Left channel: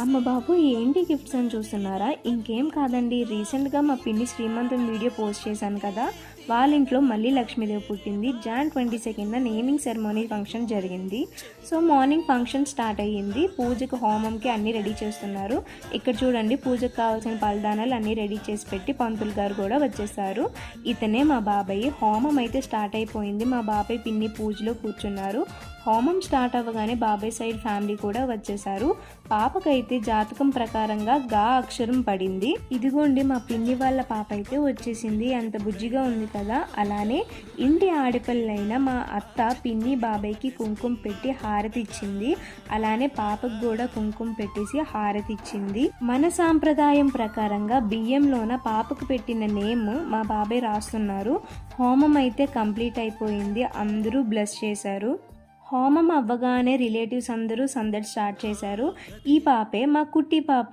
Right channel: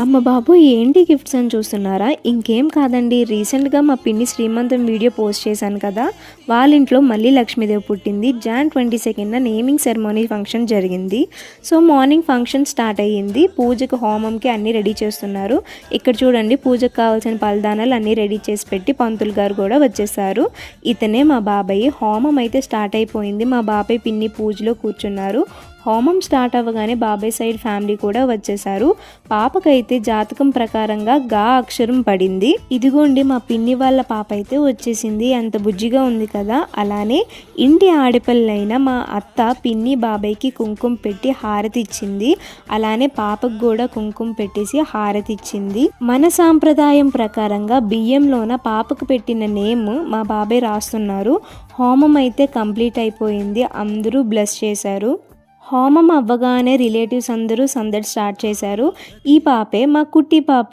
అమ్మ బాబోయ్! ఏంటి గిఫ్ట్స్ అని చూస్తున్నారా? ఇంకేం కాదండి. రీసెంట్‌గా మా పిన్ని శ్రీమంతం వీడియో పోస్ట్ చేశాను కదా! వాళ్ళ ఇంట్లో మళ్ళీ లక్ష్మీదేవి పుట్టింది. జాన్ 22న నేమింగ్ సెరమనీ ఫంక్షన్ జరిగింది. సో, మార్నింగ్ ఫంక్షన్ స్టార్ట్ అయ్యింది. పూజకి, హోమంకి అన్నీ రెడీ చేస్తున్నారు. ఇక్కడ చూడండి పూజకు కావాల్సిన పలదానాలు అన్నీ రెడీ చేసి పెట్టి పంతులు గారు కూడా వచ్చేసారు. ఇతనే మా బాబాయ్. హోమం అయితే స్టార్ట్ అయిపోయింది. మా బాబాయ్, పిన్ని పూజలో కూర్చున్నారు. హోమం స్టార్ట్ అవ్వగానే బాబాయ్ సైడ్ ఫ్యామిలీ కూడా వచ్చేసారు. పాపకైతే జాతకం ప్రకారంగా గా అక్షరం పడింది. ఇదిగోండి మా పిన్ని వాళ్ళ పాప అయితే వచ్చేసింది. ఎంత బుజ్జిగా ఉంది కదా. అలానే ఇంటి ఆడపిల్లైన మా అత్త పిన్ని బాబాయ్కి కుంకుమ పెట్టి హారతి ఇచ్చింది. అలానే పాపకు కూడా కుంకుమ పెట్టేసి హారతి ఇచ్చింది. మన సాంప్రదాయం ప్రకారంగా బియ్యంలోన పాపకు పెట్టిన నేమ్ మా బాబాయ్ రాస్తున్నారు. హోమం అయితే కంప్లీట్ అయిపోయింది. అందరూ బ్లెస్ చేశారు. హోమం అవ్వగానే రిలేటివ్స్ అందరూ సందడి స్టార్ట్ చేశారు. ఈ పాపే మా కుట్టి పాప.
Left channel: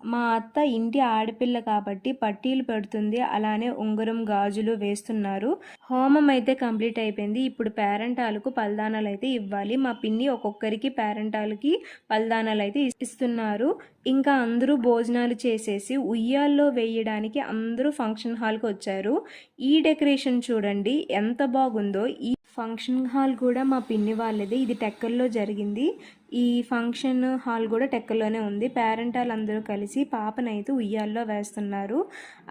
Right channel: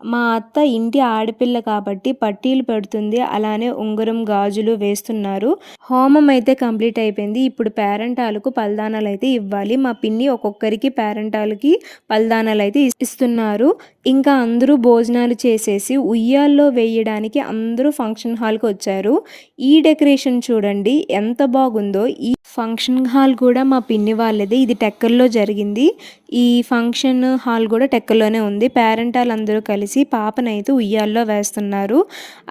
మా అత్త ఇంటి ఆడపిల్ల కాబట్టి పట్టీలు పెడుతుంది. అలానే ఉంగరం, గాజులు వేస్తున్నారు. హోమం అయితే కంప్లీట్ అయిపోయింది. ఇప్పుడు పేరెంటాలకు పలదానాలు అయితే ఇవ్వాలి. మా పిన్ని ఒక్కొక్కరికి పేరెంటాలకి పలదానాలు అయితే ఇస్తున్నారు. ఇంకా అందరూ భోజనాలు చేసేసి ఉయ్యాల్లో వేయడానికి అందరూ ఫంక్షన్ హాల్కి వచ్చారు. ఈ డెకరేషన్ చూడండి ఎంత బాగుందో. ఈ ఫంక్షన్ హాల్ కూడా మా పిన్ని వాళ్ళది. ఇది టెక్కల్లో జరిగింది. ఈ ఫంక్షన్ హాల్ కూడా టెక్కల్లోనే ఉంది. పేరెంటాలు అందరూ కలిసి పాపనైతే ఉయ్యాల్లో వేస్తున్నారు.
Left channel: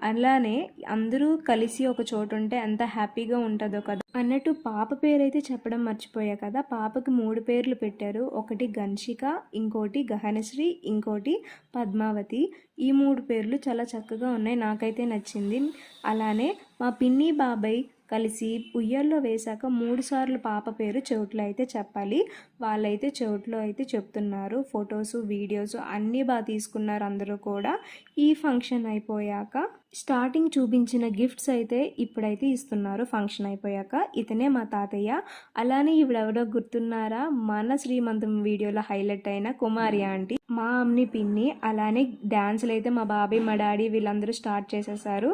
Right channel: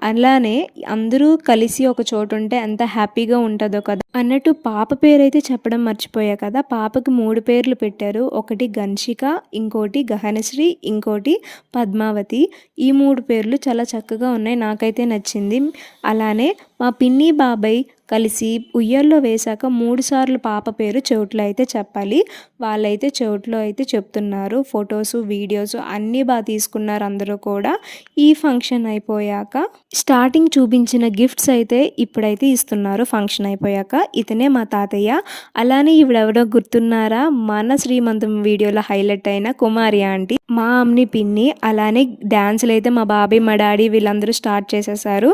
అలానే అందరూ కలిసి ఒక చోటు ఉంటే ఎంత హ్యాపీగా ఉంటుందో కదా అన్నట్టు పాప పేరైతే చెప్పడం మర్చిపోయా కదా. పాపకి 3 పేర్లు పెట్టారు. ఒకటి గన్షిక, ఇంకోటి గహనశ్రీ, ఇంకోటి పద్మావతి. ఈ 3 పేర్లు చాలా చక్కగా ఉన్నాయి. నాకైతే నచ్చింది. అలానే మా పిన్ని బాబాయ్ కలిసి ఉయ్యాల్లో వేశాక 3 సార్లు పాప పేరు చెవుట్లో అయితే చెప్పాలి. వాళ్ళైతే చెవుట్లో అయితే చెప్తున్నారు. ఫొటోస్, వీడియోస్ అన్నీ బాగా తీసుకున్నారు అందరూ కూడా. ఈ ఫంక్షన్ అయిపోయాక స్టార్టింగ్ చూపించిన గిఫ్ట్స్ అయితే ఇప్పుడైతే ఇస్తున్నారు. ఫంక్షన్ అయిపోయాక ఇతనే మా తాతయ్య. అలానే ఈవిడెవడో గుర్తున్నారా? మన శ్రీమంతం వీడియోలో హైలైట్ అయిన కుమారి ఆంటీ, మా అమ్ని పిన్ని. అలానే డ్యాన్సులు అయితే మా బాబాయ్, మా డాడీ వీళ్ళందరూ స్టార్ట్ చేసేసారు.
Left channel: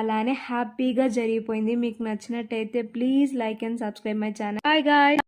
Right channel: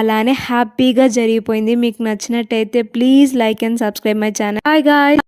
అలానే హ్యాపీగా జరిగిపోయింది. మీకు నచ్చినట్టయితే please like and subscribe my channel. Hi guys.